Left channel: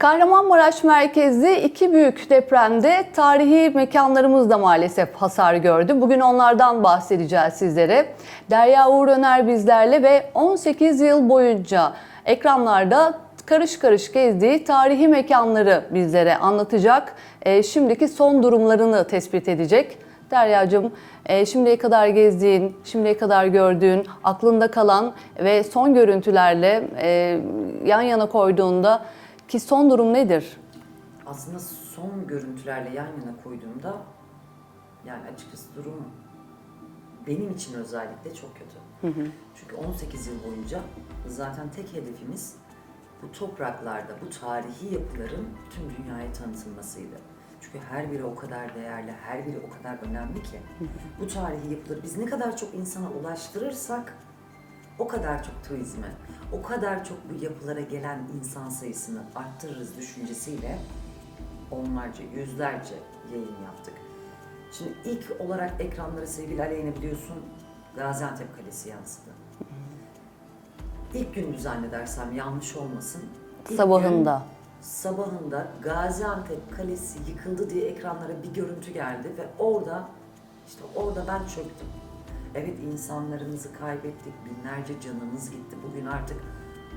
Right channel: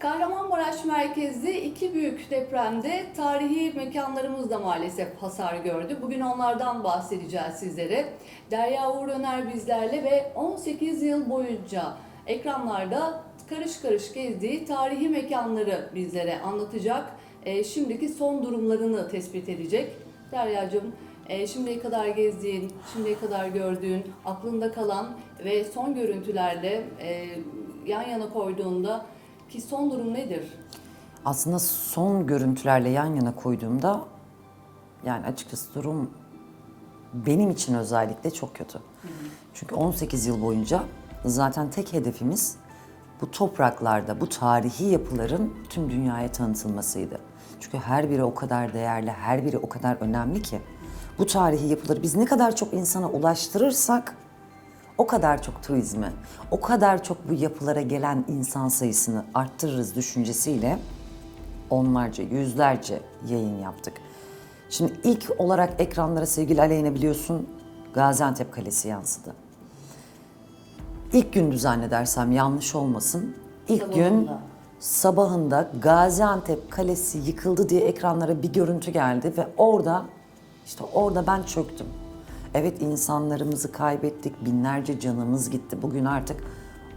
Kahramanmaraş merkezli iki büyük depremde tarihi mekanlarımız da maalesef hasar gördü. Bugün onlardan bahsedeceğiz sizlere. Derya Uğur Öner bizlerle ve 18 yıl boyunca ekranlarda karış karış gezdiği tarihi mekanları bizlere anlatacak. E, şimdiki son durumlarını tespit edecek. Derya'cığım e, şimdiye kadar gezdiğin, şimdiye kadar gördüğün, aklında kalan ve son görüntülerle e, yan yana koyduğunda ki son durum nedir? Aslında son görüntülerle yan yana koyduğumda yani açıkçası durum benim için özellikle çok kötü. Çünkü 18 yıl boyunca zaten tek hedefimiz bu topraklarda, bu tarihi yapıların tüm dünyaya tanıtılmasıydı. Çünkü her biri o kadar değerli, her biri o kadar önemli ki bu tarihi yapıları biz ne kadar çok insana ulaştırırsak o kadar çok turizme, o kadar çok bu yapılara gelen insan sayısını arttırırız düşüncesiyle onlarca, yüzlerce yayın yaptık. Şimdi ilk olarak ekranlara sevgili Aleyna biliyorsun Gaziantep Kalesi yansıdı. İlk gün zannedersem yanlış olmasın. İlk Sabahında. Gün, sabahında Gaziantep Kalesi yıkıldı diye ekranlara bir görüntü geldi ve orada işte orada ben çöktüm. Evet insanlarımızı kaybettik, binlerce canımız gitti. Bugün artık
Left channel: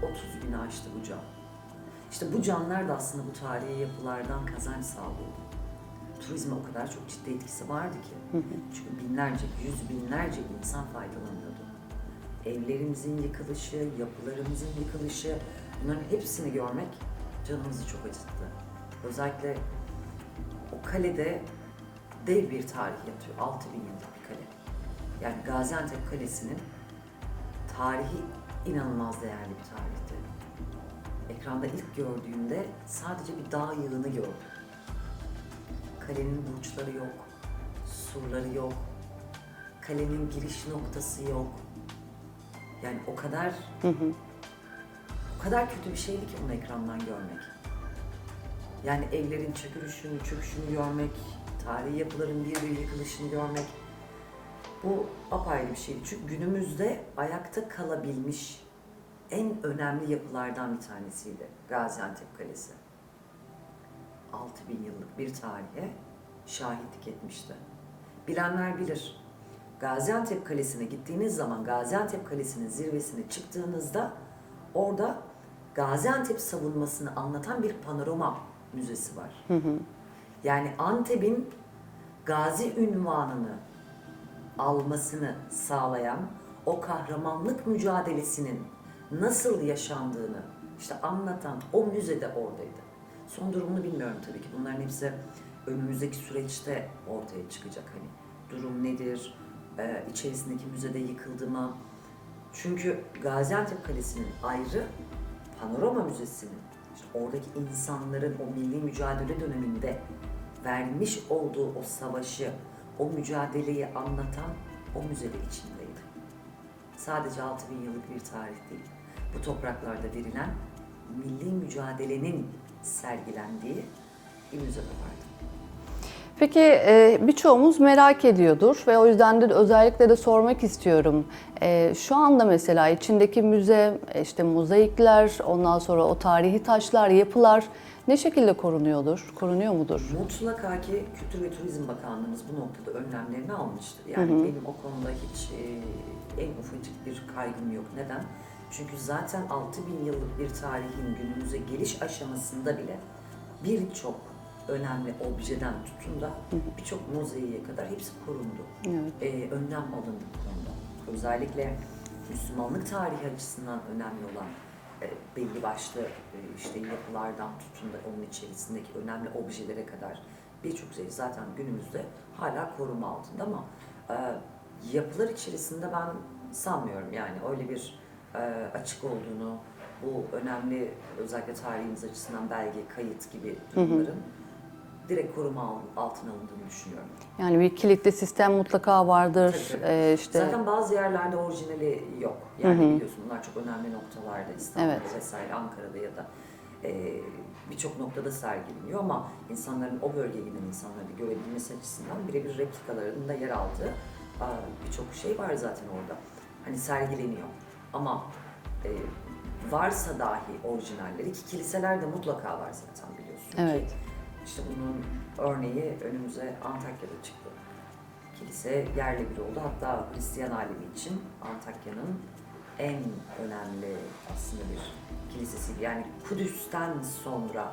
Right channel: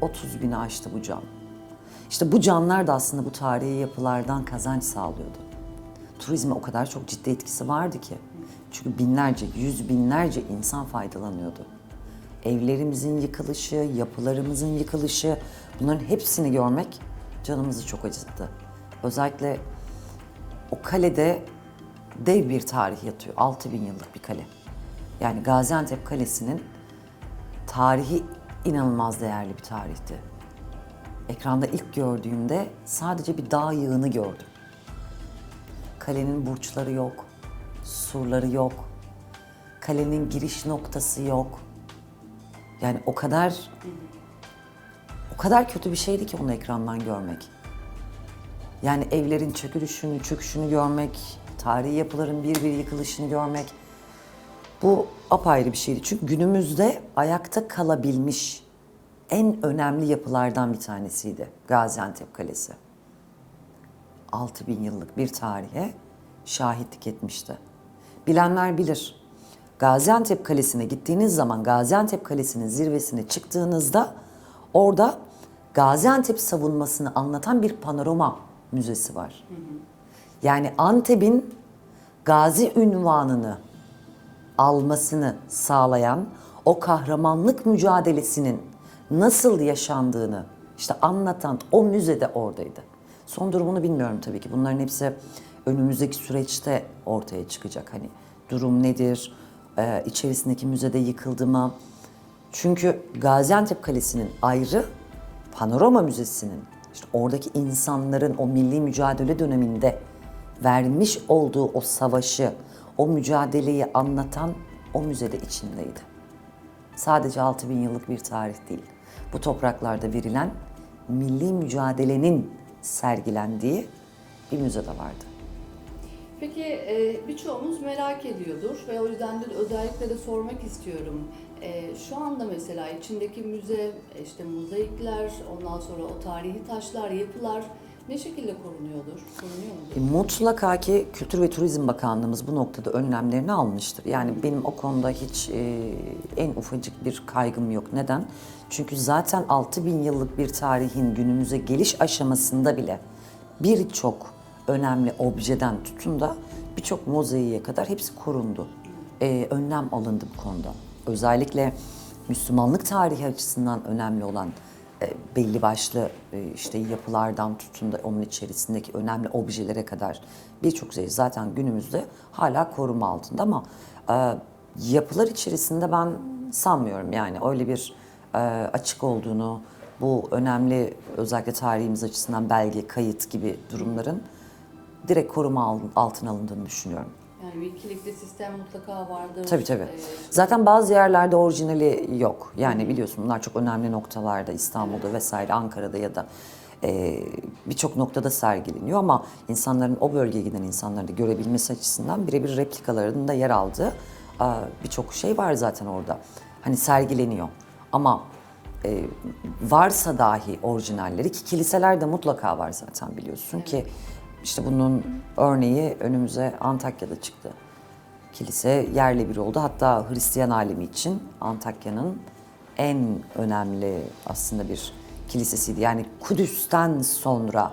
30 bini aştı bu can. İşte bu canlar da aslında bu tarihi yapılardan kazanç sağlıyordu. Turizme o kadar çok ciddi etkisi vardı ki. Çünkü binlerce, yüz binlerce insan faydalanıyordu. Evlerimizin yıkılışı, yapılarımızın yıkılışı bunların hepsini görmek canımızı çok acıttı. Özellikle o kalede dev bir tarih yatıyor. 6000 yıllık bir kale. Yani Gaziantep Kalesi'nin tarihi inanılmaz değerli bir tarihti. Ekranda ilk gördüğümde sadece bir dağ yığını gördüm. Kalenin burçları yok, surları yok, kalenin giriş noktası yok. Yani o kadar o kadar kötü bir şeydi ki onu ekrandan görmek. Yani evlerin çökülüşünü, çöküşünü görmek, tarihi yapıların bir bir yıkılışını görmek bu apayrı bir şeydi. Çünkü günümüzde ayakta kalabilmiş en önemli yapılardan bir tanesiydi Gaziantep Kalesi. 6000 yıllık bir tarihe şahitlik etmişti. Bilenler bilir. Gaziantep Kalesi'ne gittiğiniz zaman Gaziantep Kalesi'nin zirvesine çıktığınızda orada Gaziantep savunmasını anlatan bir panorama müzesi var. Yani Antep'in gazi ünvanını almasını sağlayan o kahramanlık mücadelesinin nasıl yaşandığını işte anlatan o müzede oradaydı. Son durumunu bilmiyorum tabii ki. Bunların hepsi önümüzdeki süreçte ortaya çıkacak. Hani durum nedir? Ee, içerisindeki müzede yıkıldı mı? Çünkü Gaziantep Kalesi'nin ayrı, Panorama Müzesi'nin işte oradaki insanların o milli mücadele döneminde vermiş olduğu o savaşı, o mücadeleyi anlatan o müzede içindeydi. Sadece 6000 yıllık bir tarih değil. Bu topraklarda verilen milli mücadelenin sergilendiği bir müzede vardı. Peki e, birçoğumuz merak ediyordur ve o yüzden de özellikle de sormak istiyorum. E, şu anda mesela içindeki müze, e, işte mozaikler, ondan sonra o tarihi taşlar, yapılar ne şekilde korunuyordur? Korunuyor mudur? Mutlaka ki Kültür ve Turizm Bakanlığımız bu noktada önlemlerini almıştır. Yani benim o konuda hiç e, en ufacık bir kaygım yok. Neden? Çünkü zaten 6000 yıllık bir tarihin günümüze geliş aşamasında bile birçok önemli objeden tutun da birçok mozaiğe kadar hepsi korundu. E, önlem alındı bu konuda. Özellikle Müslümanlık tarihi açısından önemli olan belli başlı e, işte yapılardan tutun da onun içerisindeki önemli objelere kadar birçok şey zaten günümüzde hala koruma altında ama e, yapılar içerisinde ben sanmıyorum. Yani öyle bir e, açık olduğunu bu önemli özellikle tarihimiz açısından belge, kayıt gibi durumların direkt koruma al- altına alındığını düşünüyorum. Yani bir kilitli sistem mutlaka vardır. Tabii tabii. E, işte- Zaten bazı yerlerde orijinali yok. Yani biliyorsun bunlar çok önemli noktalarda İstanbul'da Evet. vesaire Ankara'da ya da e, birçok noktada sergileniyor ama insanların o bölgeye giden insanların da görebilmesi açısından birebir replikalarının da yer aldığı birçok şey var zaten orada. Hani sergileniyor ama e, varsa dahi orijinalleri ki kiliselerde mutlaka var zaten biliyorsun Evet. ki işte bunun örneği önümüze Antakya'da çıktı. Kilise yerle bir oldu. Hatta Hristiyan alemi için Antakya'nın en önemli aslında bir kilisesiydi. Yani Kudüs'ten sonra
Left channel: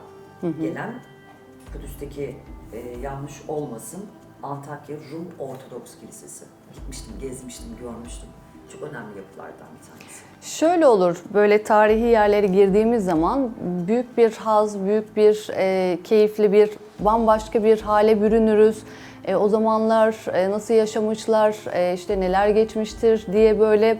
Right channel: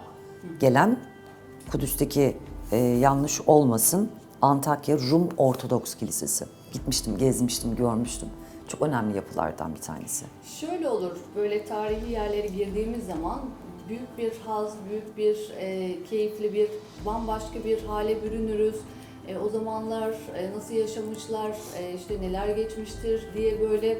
gelen Kudüs'teki e, yanlış olmasın Antakya Rum Ortodoks Kilisesi. Gitmiştim, gezmiştim, görmüştüm. Çok önemli yapılardan bir tanesi. Şöyle olur, böyle tarihi yerlere girdiğimiz zaman büyük bir haz, büyük bir e, keyifli bir, bambaşka bir hale bürünürüz. E, o zamanlar e, nasıl yaşamışlar, e, işte neler geçmiştir diye böyle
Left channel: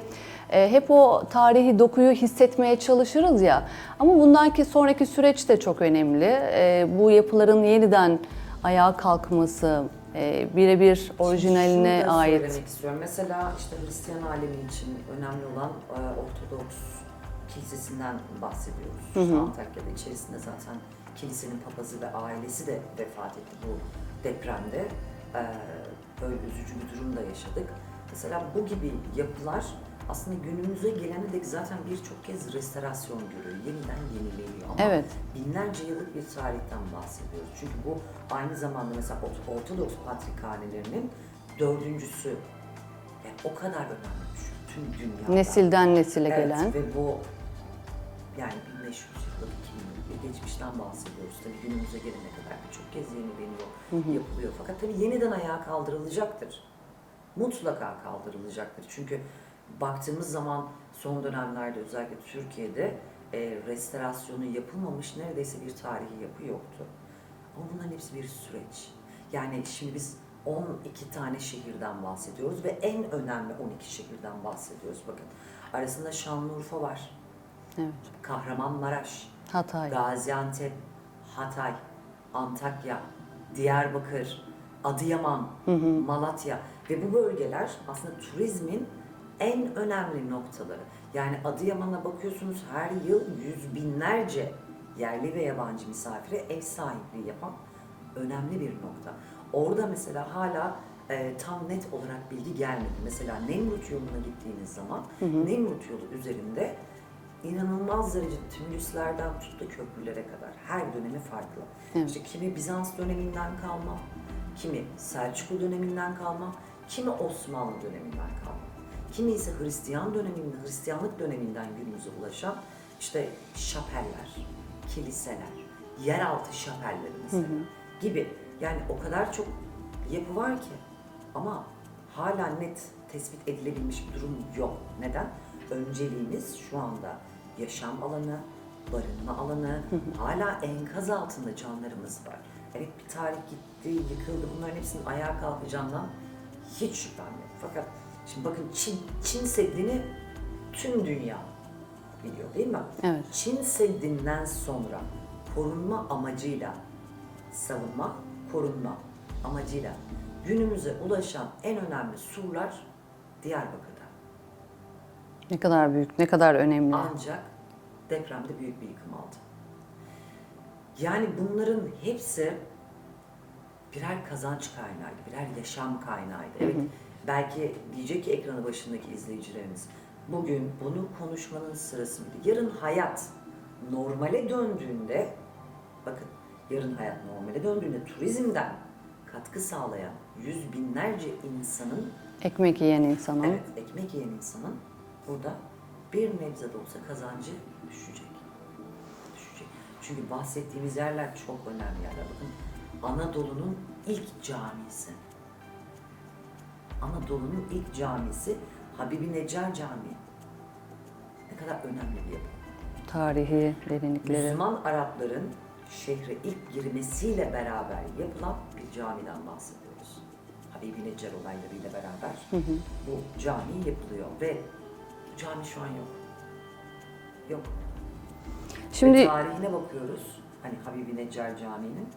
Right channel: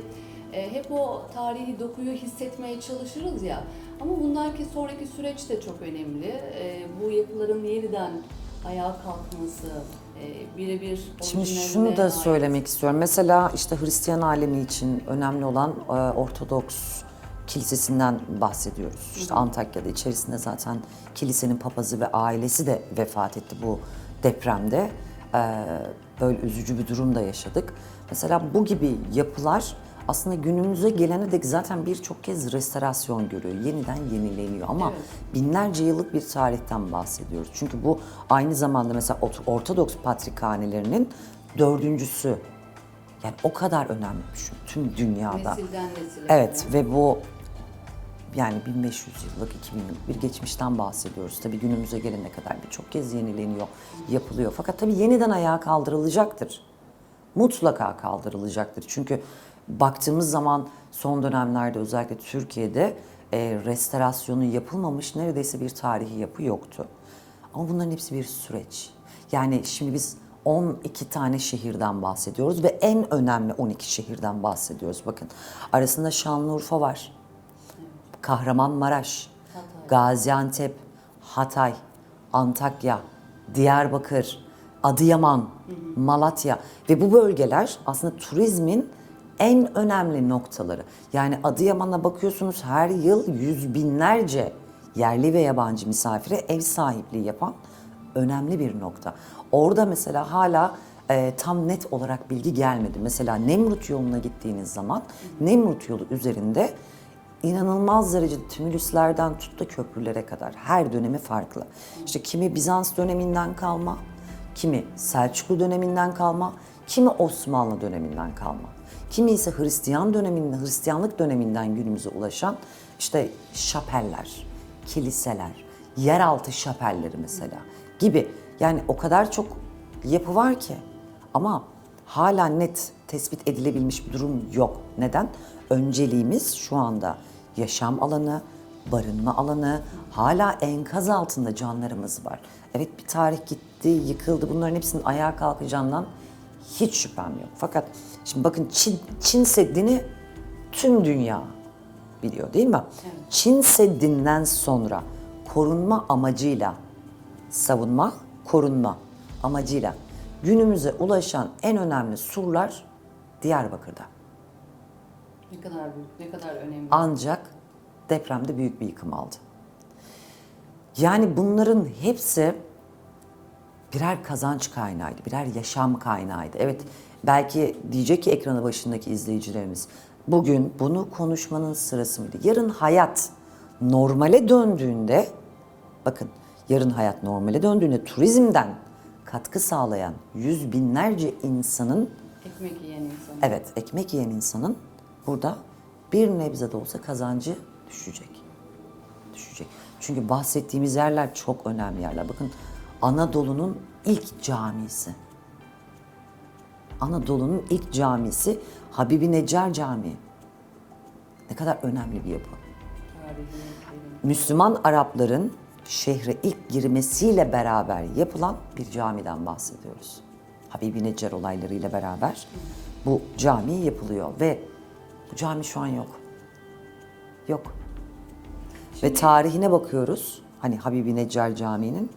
e, hep o tarihi dokuyu hissetmeye çalışırız ya. Ama bundan ki sonraki süreç de çok önemli. E, bu yapıların yeniden ayağa kalkması, e, birebir orijinaline Şimdi şunu da ait. söylemek istiyorum. Mesela işte Hristiyan alemi için önemli olan e, Ortodoks kilisesinden bahsediyoruz. İşte Antakya'da içerisinde zaten kilisenin papazı ve ailesi de vefat etti bu depremde. E, böyle üzücü bir durum da yaşadık. Mesela bu gibi yapılar aslında günümüze gelene dek zaten birçok kez restorasyon görüyor. Yeniden yenileniyor ama Evet. binlerce yıllık bir tarihten bahsediyoruz. Çünkü bu aynı zamanda mesela Ort- Ortodoks patrikhanelerinin dördüncüsü. Yani o kadar önemli bir şey tüm dünyada. Nesilden nesile Evet gelen. ve bu yani 1500 yıllık, 2000 yıllık bir geçmişten bahsediyoruz. Tabii günümüze gelene kadar birçok kez yenileniyor, yapılıyor. Fakat tabii yeniden ayağa kaldırılacaktır. Mutlaka kaldırılacaktır. Çünkü baktığımız zaman son dönemlerde özellikle Türkiye'de e, restorasyonu yapılmamış neredeyse bir tarihi yapı yoktu. Ama bunların hepsi bir süreç. Yani şimdi biz 12 tane şehirden bahsediyoruz ve en önemli 12 şehirden bahsediyoruz. Bakın arasında Şanlıurfa var, Evet. Kahramanmaraş, Hatay. Gaziantep, Hatay, Antakya, Diyarbakır, Adıyaman, Malatya ve bu bölgeler aslında turizmin en önemli noktaları. Yani Adıyaman'a bakıyorsunuz her yıl yüz binlerce yerli ve yabancı misafire ev sahipliği yapan önemli bir nokta. Orada mesela hala e, tam net olarak bilgi gelmedi. Mesela Nemrut yoluna gittiğiniz zaman Nemrut yolu üzerinde inanılmaz derecede tümülüslerden tut da köprülere kadar her dönemi farklı. İşte kimi Bizans döneminden kalma, kimi Selçuklu döneminden kalma, kimi Osmanlı döneminden kalma. Kimi ise Hristiyan döneminden, Hristiyanlık döneminden günümüze ulaşan işte şapeller, kiliseler, yeraltı şapelleri mesela gibi. Yani o kadar çok yapı var ki ama hala net tespit edilebilmiş bir durum yok. Neden? Önceliğimiz şu anda yaşam alanı, barınma alanı, hala enkaz altında canlarımız var. Evet bir tarih gitti, yıkıldı. Bunların hepsinin ayağa kalkacağından hiç şüphem yok. Fakat şimdi bakın Çin, Çin Seddi'ni tüm dünya biliyor değil mi? Evet. Çin Seddi'nden sonra korunma amacıyla savunma, korunma amacıyla günümüze ulaşan en önemli surlar Diyarbakır'da. Ne kadar büyük, ne kadar önemli. Ancak depremde büyük bir yıkım aldı. Yani bunların hepsi birer kazanç kaynağıydı, birer yaşam kaynağıydı. Evet, belki diyecek ki ekranı başındaki izleyicilerimiz, bugün bunu konuşmanın sırası mıydı? Yarın hayat normale döndüğünde, bakın yarın hayat normale döndüğünde turizmden katkı sağlayan yüz binlerce insanın Ekmek yiyen insanın. Evet, ekmek yiyen insanın burada bir nebze de olsa kazancı düşecek. Düşecek. Çünkü bahsettiğimiz yerler çok önemli yerler. Bakın Anadolu'nun ilk camisi. Anadolu'nun ilk camisi Habibi Necar Camii. Ne kadar önemli bir yapı. Tarihi derinlikleri. Müslüman Arapların şehre ilk girmesiyle beraber yapılan bir camiden bahsediyoruz. Habibi Necar olaylarıyla beraber bu cami yapılıyor ve bu cami şu an yok. Yok. Şimdi Ve tarihine bakıyoruz. Hani Habibi Necar Camii'nin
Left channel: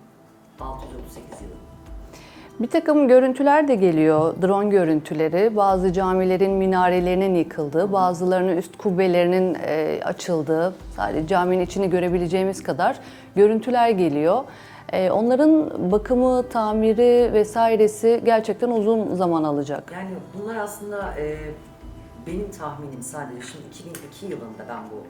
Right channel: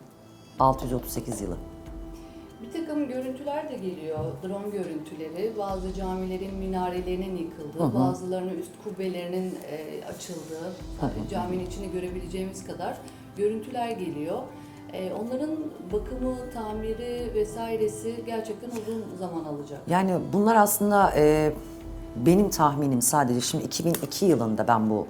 638 yılı. Bir takım görüntüler de geliyor. Drone görüntüleri. Bazı camilerin minarelerinin yıkıldığı, bazılarının üst kubbelerinin e, açıldığı, sadece caminin içini görebileceğimiz kadar görüntüler geliyor. E, onların bakımı, tamiri vesairesi gerçekten uzun zaman alacak. Yani bunlar aslında e, benim tahminim sadece şimdi 2002 yılında ben bu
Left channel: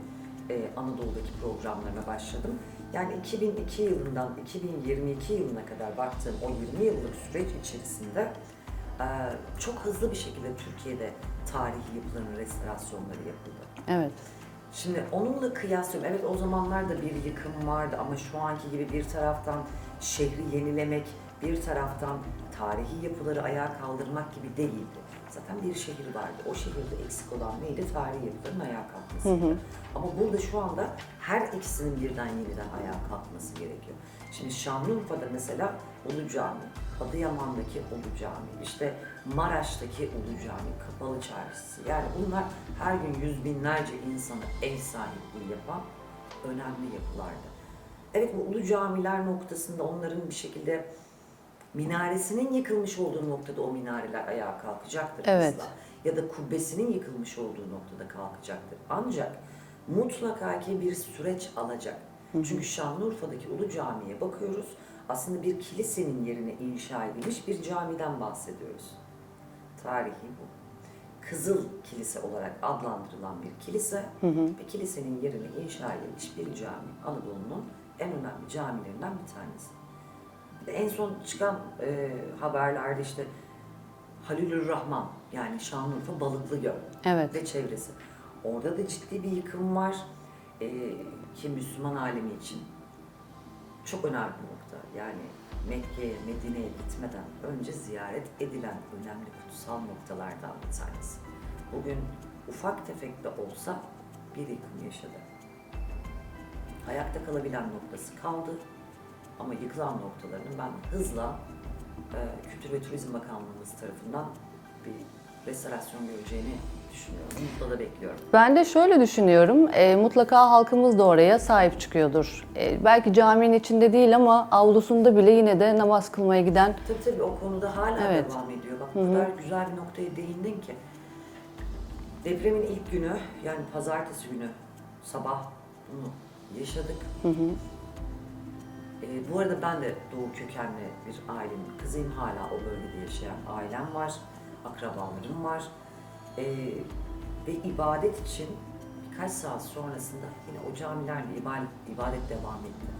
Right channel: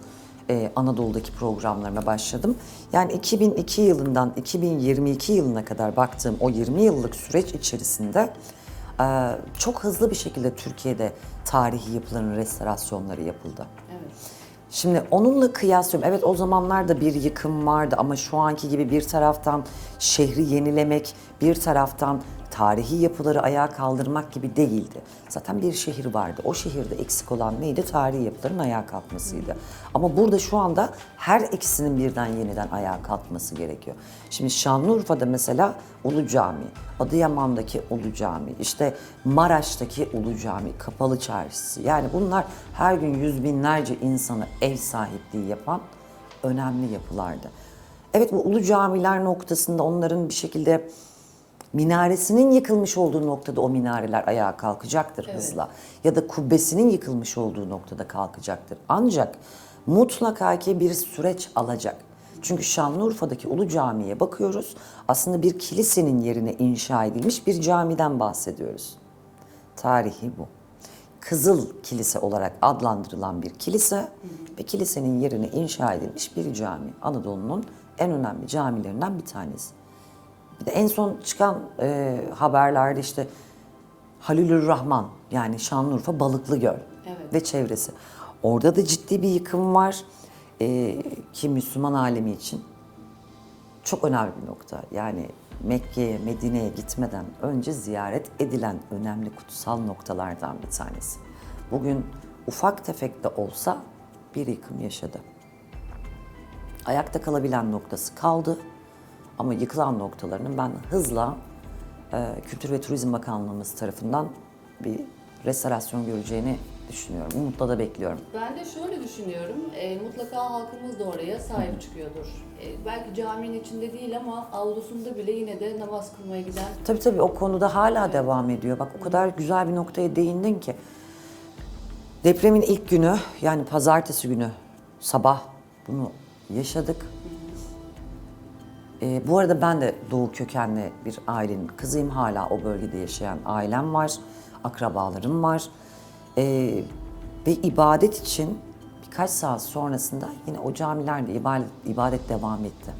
e, Anadolu'daki programlarına başladım. Yani 2002 yılından 2022 yılına kadar baktığım o 20 yıllık süreç içerisinde e, çok hızlı bir şekilde Türkiye'de tarihi yapıların restorasyonları yapıldı. Evet. Şimdi onunla kıyaslıyorum. Evet o zamanlarda bir yıkım vardı ama şu anki gibi bir taraftan şehri yenilemek, bir taraftan tarihi yapıları ayağa kaldırmak gibi değildi. Zaten bir şehir vardı. O şehirde eksik olan neydi? Tarihi yapıların ayağa kalkmasıydı. Ama burada şu anda her ikisinin birden yeniden ayağa kalkması gerekiyor. Şimdi Şanlıurfa'da mesela Ulu Cami, Adıyaman'daki Ulu Cami, işte Maraş'taki Ulu Cami, Kapalı Çarşısı. Yani bunlar her gün yüz binlerce insana ev sahipliği yapan önemli yapılardı. Evet bu Ulu Camiler noktasında onların bir şekilde minaresinin yıkılmış olduğu noktada o minareler ayağa kalkacaktır Evet. hızla. Ya da kubbesinin yıkılmış olduğu noktada kalkacaktır. Ancak mutlaka ki bir süreç alacak. Çünkü Şanlıurfa'daki Ulu Cami'ye bakıyoruz. Aslında bir kilisenin yerine inşa edilmiş bir camiden bahsediyoruz. Tarihi bu. Kızıl Kilise olarak adlandırılan bir kilise ve kilisenin yerine inşa edilmiş bir cami. Anadolu'nun en önemli camilerinden bir tanesi. En son çıkan e, haberlerde işte Halilür Rahman yani Şanlıurfa Balıklıgöl Evet. ve çevresi. Orada da ciddi bir yıkım var e, ki Müslüman alemi için çok önemli bir nokta. Yani Mekke'ye, Medine'ye gitmeden önce ziyaret edilen önemli kutsal noktalardan bir tanesi. Bugün ufak tefek de olsa bir yıkım yaşadı. Ayakta kalabilen noktası kaldı ama yıkılan noktalarının ben hızla e, Kültür ve Turizm Bakanlığımız tarafından bir restorasyon göreceğini düşünüyorum. Umutla da bekliyorum. Ben de şöyle düşünüyorum, e, mutlaka halkımız da oraya sahip çıkıyordur. E, belki caminin içinde değil ama avlusunda bile yine de namaz kılmaya giden Tabii tabii o konuda hala Evet. devam ediyor. Bak o kadar güzel bir noktaya değindin ki. Depremin ilk günü yani pazartesi günü sabah bunu yaşadık. Ee, bu arada ben de Doğu kökenli bir ailenin kızıyım. Hala o bölgede yaşayan ailem var. Akrabalarım var. Ee, ve ibadet için birkaç saat sonrasında yine o camilerde ibadet, ibadet devam etti.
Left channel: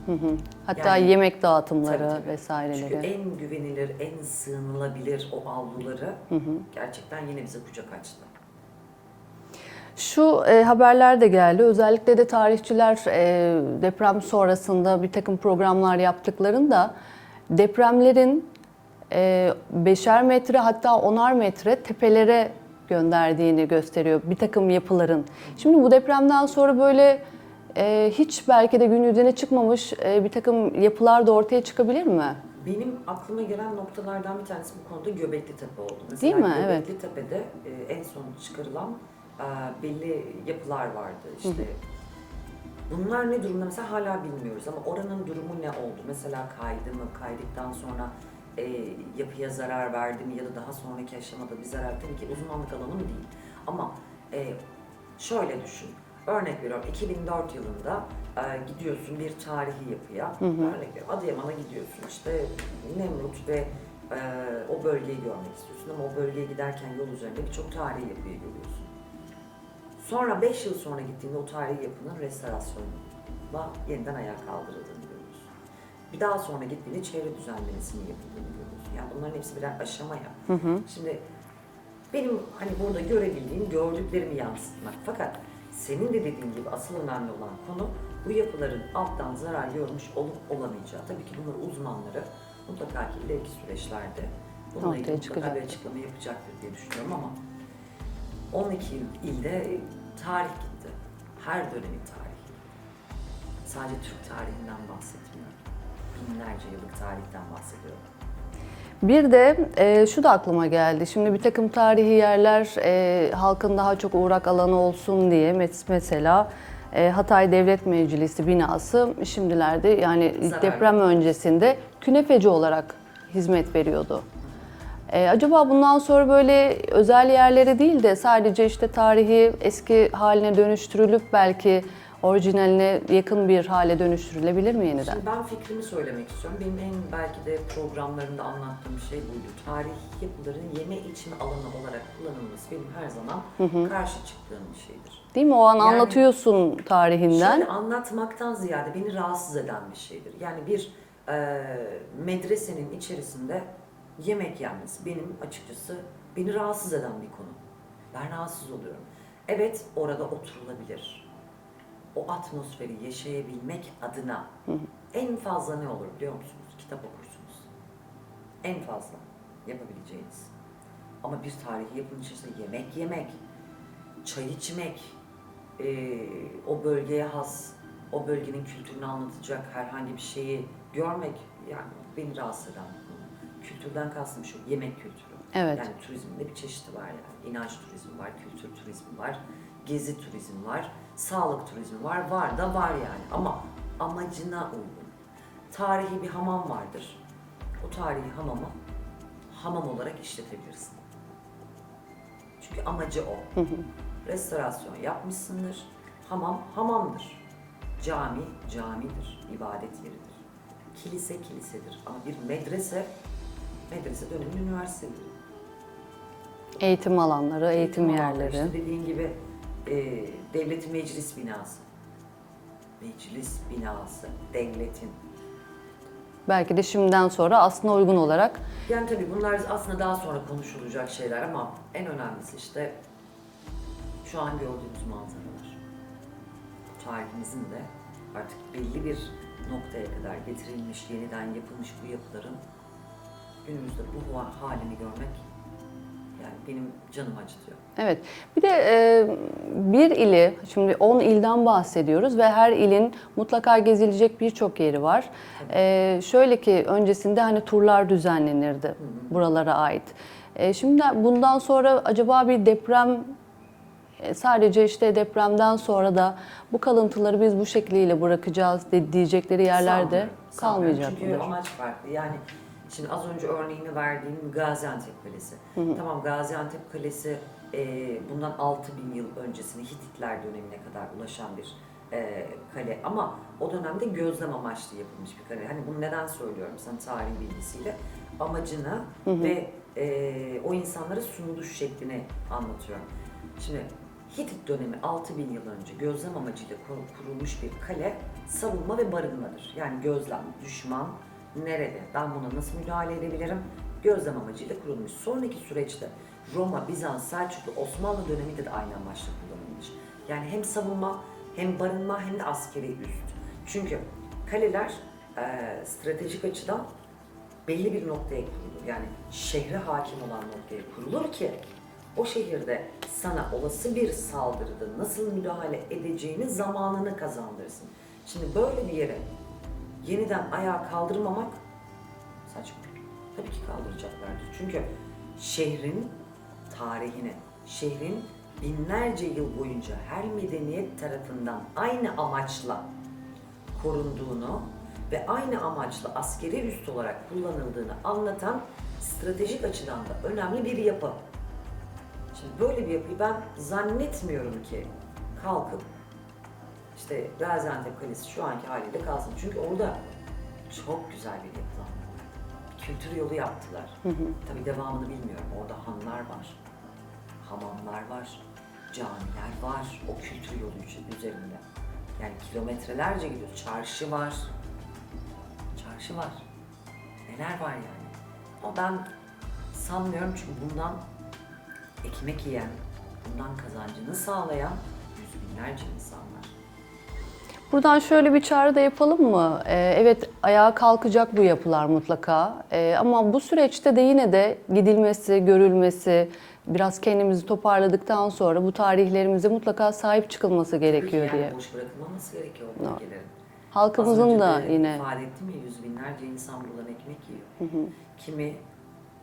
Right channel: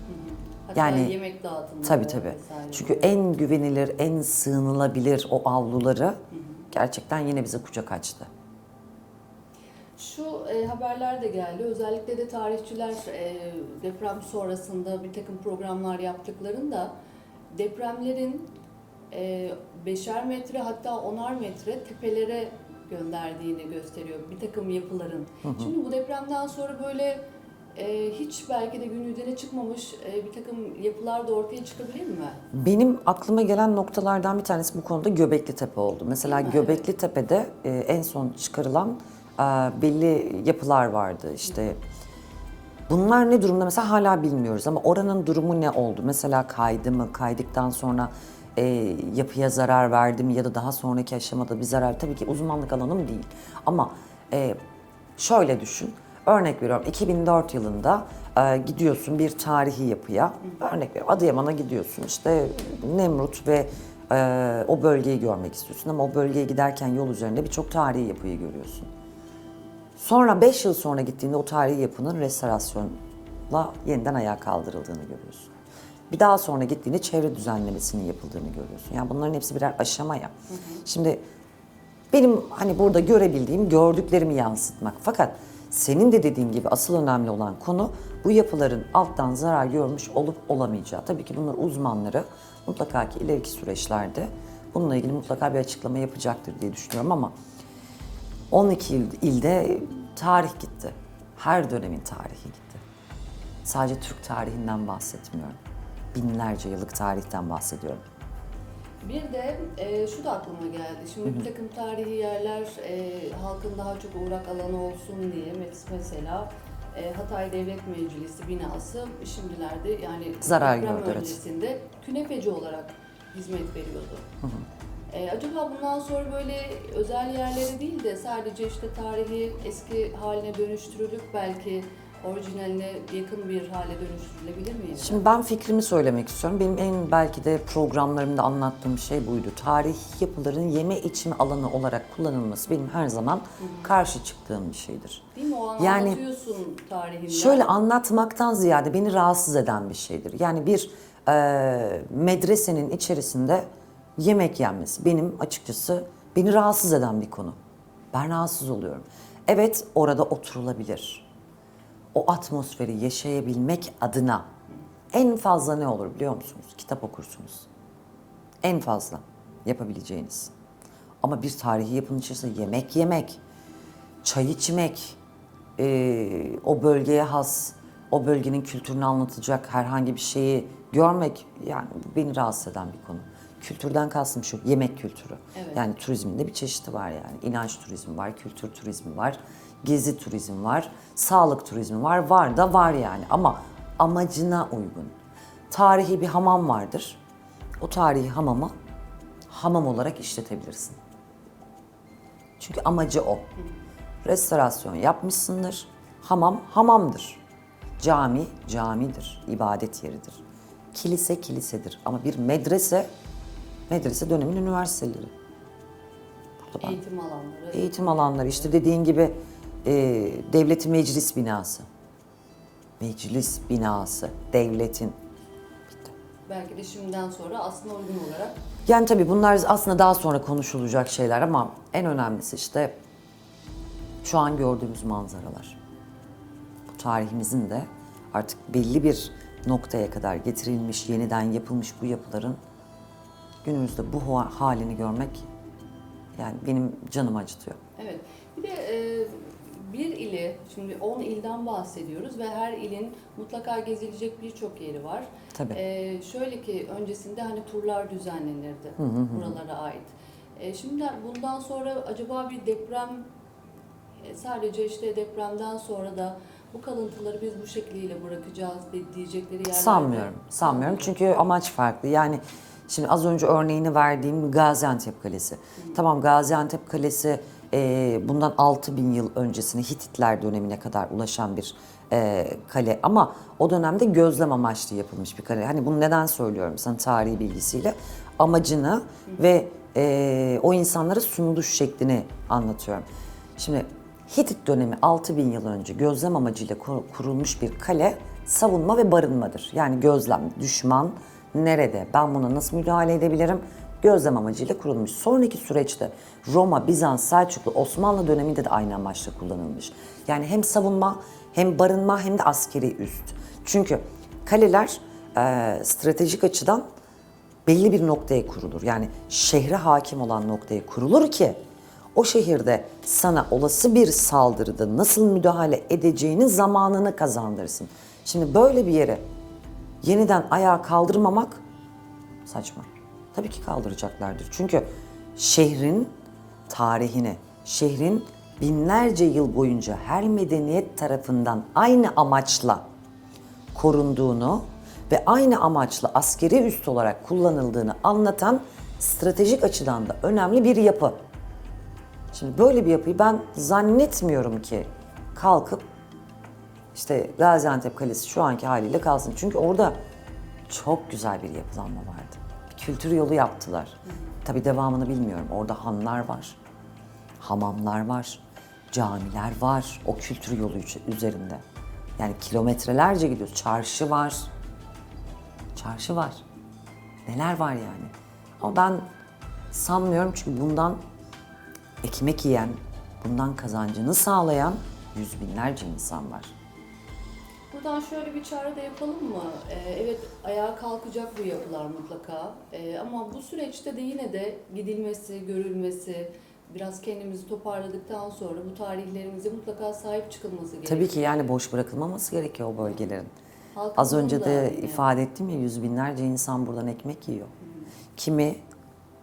hatta Yani- yemek dağıtımları Tabii tabii. vesaireleri. Çünkü en güvenilir, en sığınılabilir o avluları gerçekten yine bize kucak açtı. Şu e, haberler de geldi. Özellikle de tarihçiler e, deprem sonrasında bir takım programlar yaptıklarında depremlerin e, beşer metre hatta onar metre tepelere gönderdiğini gösteriyor bir takım yapıların. Şimdi bu depremden sonra böyle e, hiç belki de gün yüzüne çıkmamış e, bir takım yapılar da ortaya çıkabilir mi? Benim aklıma gelen noktalardan bir tanesi bu konuda Göbekli Tepe oldu. Mesela? Göbekli Tepe'de e, en son çıkarılan belli yapılar vardı. İşte bunlar ne durumda mesela hala bilmiyoruz ama oranın durumu ne oldu? Mesela kaydı mı? Kaydıktan sonra e, yapıya zarar verdi mi ya da daha sonraki aşamada bir zarar tabii ki uzmanlık alanım değil. Ama e, şöyle düşün. Örnek veriyorum 2004 yılında e, gidiyorsun bir tarihi yapıya. Örnek veriyorum Adıyaman'a gidiyorsun işte Nemrut ve e, o bölgeyi görmek istiyorsun ama o bölgeye giderken yol üzerinde birçok tarihi yapıyı görüyorsun. Sonra 5 yıl sonra gittiğinde o tarihi yapının restorasyonla yeniden ayağa kaldırıldığını görüyorsun. Bir daha sonra gittiğinde çevre düzenlemesinin yapıldığını görüyorsun. Yani bunların hepsi birer aşama ya. Şimdi benim hani burada görebildiğim, gördüklerimi yansıtmak. Fakat senin de dediğin gibi asıl önemli olan konu bu yapıların alttan zarar görmüş olup olamayacağı. Tabii ki bunlar uzmanları mutlaka ki ileriki süreçlerde bununla ilgili mutlaka bir açıklama yapacaktır diye düşünüyorum ama 12 il- ilde tarih gitti. Her dönemin tarihi gitti. Sadece Türk tarihinden bahsetmiyorum. Binlerce yıllık tarihten bahsediyorum. Bir de e, şu da aklıma geldi. Şimdi bir takım tarihi yerler e, halkın daha çok uğrak alanı olsun diye mes- mesela e, Hatay Devlet Meclisi binası şimdilerde yani Zarar deprem gördü, evet. öncesinde künefeci olarak hizmet veriyordu. E, acaba bundan sonra böyle özel yerlere değil de sadece işte tarihi eski haline dönüştürülüp belki orijinaline yakın bir hale dönüştürülebilir mi yeniden? Şimdi ben fikrimi söylemek istiyorum. Benim en belki de programlarımda anlattığım şey buydu. Tarihi yapıların yeme içme alanı olarak kullanılması benim her zaman karşı çıktığım bir şeydir. Değil mi? O an Yani- anlatıyorsun tarihinden. Şöyle anlatmaktan ziyade beni rahatsız eden bir şeydir. Yani bir e, medresenin içerisinde yemek yenmesi benim açıkçası beni rahatsız eden bir konu. Ben rahatsız oluyorum. Evet orada oturulabilir. O atmosferi yaşayabilmek adına en fazla ne olur biliyor musunuz? Kitap okursunuz. En fazla yapabileceğiniz. Ama bir tarihi yapının içerisinde yemek yemek, çay içmek, eee, o bölgeye has, o bölgenin kültürünü anlatacak herhangi bir şeyi görmek yani beni rahatsız eden bir konu. Kültürden kastım şu, yemek kültürü. Evet. Yani turizmin de bir çeşidi var yani. İnanç turizmi var, kültür turizmi var, gezi turizmi var, sağlık turizmi var. Var da var yani ama amacına uygun. Tarihi bir hamam vardır. O tarihi hamamı hamam olarak işletebilirsin. Çünkü amacı o. Restorasyon yapmışsındır. Hamam hamamdır. Cami camidir. ibadet yeridir. Kilise kilisedir. Ama bir medrese medrese dönemin üniversiteleri. Eğitim alanları, eğitim, Eğitim alanları yerleri. işte dediğin gibi e, devletin meclis binası. Meclis binası. Devletin. Belki de şimdiden sonra aslında uygun olarak Yani tabii bunlar aslında daha sonra konuşulacak şeyler ama en önemlisi işte şu an gördüğümüz manzaralar. Tarihimizin de artık belli bir noktaya kadar getirilmiş, yeniden yapılmış bu yapıların günümüzde bu ha- halini görmek yani benim canımı acıtıyor. Evet. Bir de e, bir ili, şimdi 10 ilden bahsediyoruz ve her ilin mutlaka gezilecek birçok yeri var. Tabii. E, şöyle ki öncesinde hani turlar düzenlenirdi buralara ait. E, şimdi bundan sonra acaba bir deprem e, sadece işte depremden sonra da bu kalıntıları biz bu şekliyle bırakacağız de, diyecekleri yerlerde Sanmıyorum. Sanmıyorum çünkü amaç farklı. Yani şimdi az önce örneğini verdiğim Gaziantep Kalesi. Tamam Gaziantep Kalesi e, bundan 6000 yıl öncesine Hititler dönemine kadar ulaşan bir e, kale ama o dönemde gözlem amaçlı yapılmış bir kale. Hani bunu neden söylüyorum sana tarihi bilgisiyle? Amacını ve e, o insanlara sunuluş şeklini anlatıyorum. Şimdi Hitit dönemi 6000 yıl önce gözlem amacıyla kur- kurulmuş bir kale savunma ve barınmadır. Yani gözlem, düşman nerede, ben buna nasıl müdahale edebilirim? Gözlem amacıyla kurulmuş. Sonraki süreçte Roma, Bizans, Selçuklu, Osmanlı döneminde de aynı amaçla kullanılmış. Yani hem savunma, hem barınma hem de askeri üst. Çünkü kaleler eee, stratejik açıdan belli bir noktaya kurulur. Yani şehre hakim olan noktaya kurulur ki o şehirde sana olası bir saldırıda nasıl müdahale edeceğinin zamanını kazandırsın. Şimdi böyle bir yere yeniden ayağa kaldırmamak saçma. Tabii ki kaldıracaklardır. Çünkü şehrin tarihini, şehrin binlerce yıl boyunca her medeniyet tarafından aynı amaçla korunduğunu ve aynı amaçla askeri üst olarak kullanıldığını anlatan stratejik açıdan da önemli bir yapı. Şimdi böyle bir yapıyı ben zannetmiyorum ki kalkıp işte Gaziantep Kalesi şu anki haliyle kalsın. Çünkü orada çok güzel bir yapılanma vardı. Kültür yolu yaptılar. Tabii devamını bilmiyorum. Orada hanlar var, hamamlar var, camiler var o kültür yolu üzerinde. Yani kilometrelerce gidiyoruz. Çarşı var. Çarşı var. Neler var yani. Ama ben sanmıyorum çünkü bundan ekmek yiyen, bundan kazancını sağlayan yüz binlerce insan var. Buradan şöyle bir çağrı da yapalım mı? Ee, evet ayağa kalkacak bu yapılar mutlaka. Ee, ama bu süreçte de yine de gidilmesi, görülmesi, biraz kendimizi toparladıktan sonra bu tarihlerimize mutlaka sahip çıkılması gerekiyor. Tabii ki yani diye. boş bırakılmaması gerekiyor o bölgelerin. Az önce da de yine ifade ettim ya yüz binlerce insan buradan ekmek yiyor. Kimi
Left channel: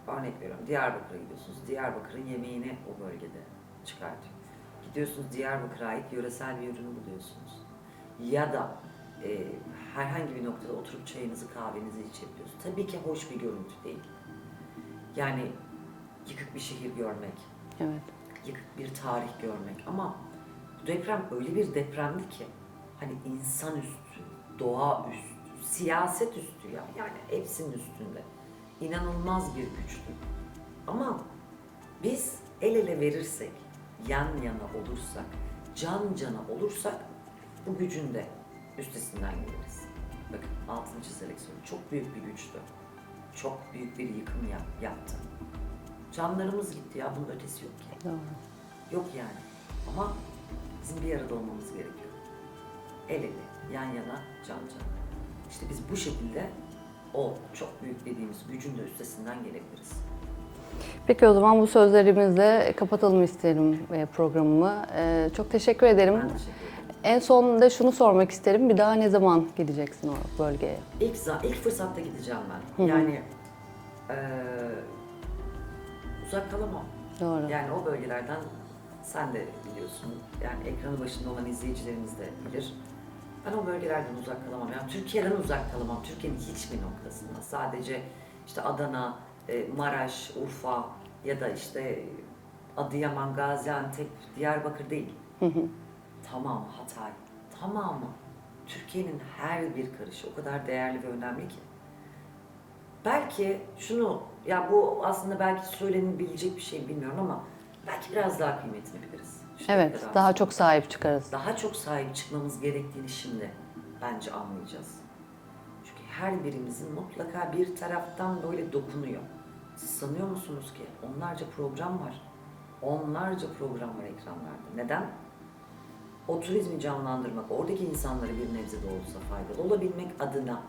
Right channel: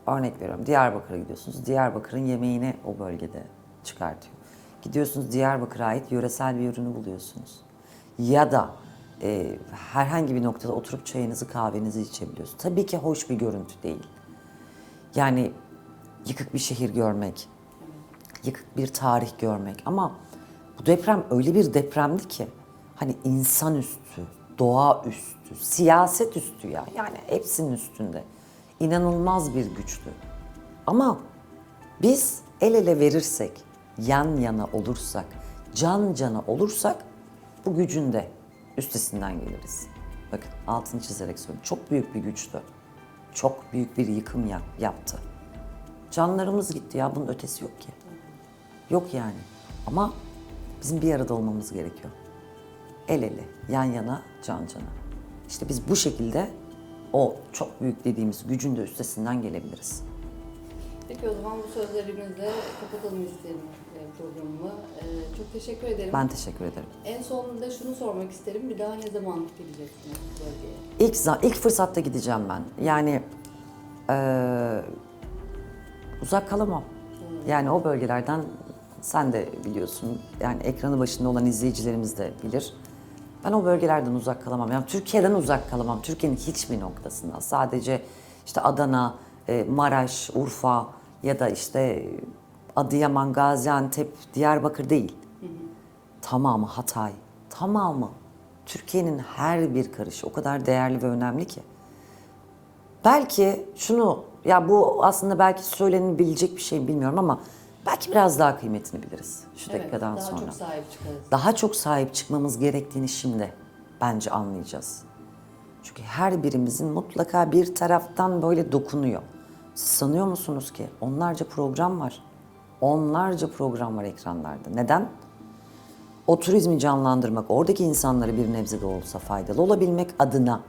örnek veriyorum Diyarbakır'a gidiyorsunuz. Diyarbakır'ın yemeğini o bölgede çıkartıyor. Gidiyorsunuz Diyarbakır'a ait yöresel bir ürünü buluyorsunuz. Ya da e, herhangi bir noktada oturup çayınızı kahvenizi içebiliyorsunuz. Tabii ki hoş bir görüntü değil. Yani yıkık bir şehir görmek, evet. yıkık bir tarih görmek ama bu deprem öyle bir depremdi ki hani insan üstü, doğa üstü, siyaset üstü ya. Yani hepsinin üstünde. İnanılmaz bir güçlü. Ama biz el ele verirsek, yan yana olursak, can cana olursak bu gücün de üstesinden geliriz. Bakın altını çizerek söylüyorum. Çok büyük bir güçtü. Çok büyük bir yıkım yap- yaptı. Canlarımız gitti ya bunun ötesi yok ki. Yok yani. Ama bizim bir arada olmamız gerekiyor. El ele, yan yana, can cana. İşte biz bu şekilde o çok büyük dediğimiz gücün de üstesinden gelebiliriz. Peki o zaman bu sözlerimizle kapatalım isterim e, programımı. E, Çok teşekkür ederim. Ben teşekkür ederim. En son da şunu sormak isterim. Bir daha ne zaman gideceksin o bölgeye? İlk, ilk fırsatta gideceğim ben. Yani eee, uzak kalamam. Doğru. Yani o bölgelerden sen de biliyorsun. Yani ekranı başında olan izleyicilerimiz de bilir. Ben o bölgelerden uzak kalamam. Yani Türkiye'den uzak kalamam. Türkiye'nin hiçbir noktasından. Sadece işte Adana, e, Maraş, Urfa ya da işte Adıyaman, Gaziantep, Diyarbakır değil. Tamamı Hatay, tamamı. Türkiye'nin her bir karışı o kadar değerli ve önemli ki. Belki şunu, ya bu aslında belki söylenebilecek bir şey bilmiyorum ama belki biraz daha kıymetini biliriz. şu Evet, daha sonra. çok sahip çıkarız. Daha çok sahip çıkmamız gerektiğini şimdi bence anlayacağız. Çünkü her birimizin mutlaka bir taraftan böyle dokunuyor. Siz sanıyor musunuz ki onlarca program var. Onlarca program var ekranlarda. Neden? O turizmi canlandırmak, oradaki insanlara bir nebze de olsa faydalı olabilmek adına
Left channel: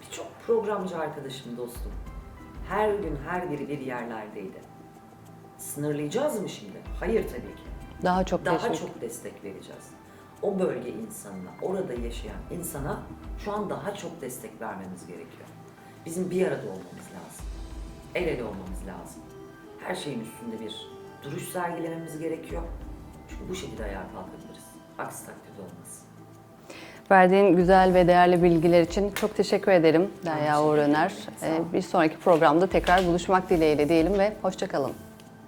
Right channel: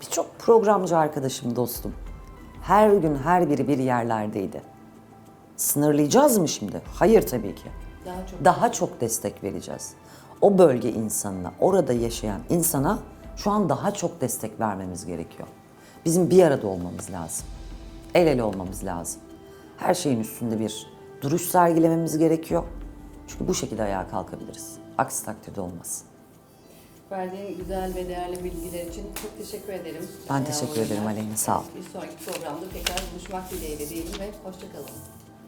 birçok programcı arkadaşım, dostum her gün her biri bir yerlerdeydi. Sınırlayacağız mı şimdi? Hayır tabii ki. Daha çok Daha destek. çok destek vereceğiz. O bölge insanına, orada yaşayan insana şu an daha çok destek vermemiz gerekiyor. Bizim bir arada olmamız lazım. El ele olmamız lazım. Her şeyin üstünde bir duruş sergilememiz gerekiyor. Çünkü bu şekilde ayağa kalkabiliriz. Aksi takdirde olmaz. Verdiğin güzel ve değerli bilgiler için çok teşekkür ederim Ben Derya teşekkür Uğur ederim Öner. Aleyna, sağ ol. Ee, Bir sonraki programda tekrar buluşmak dileğiyle diyelim ve hoşçakalın.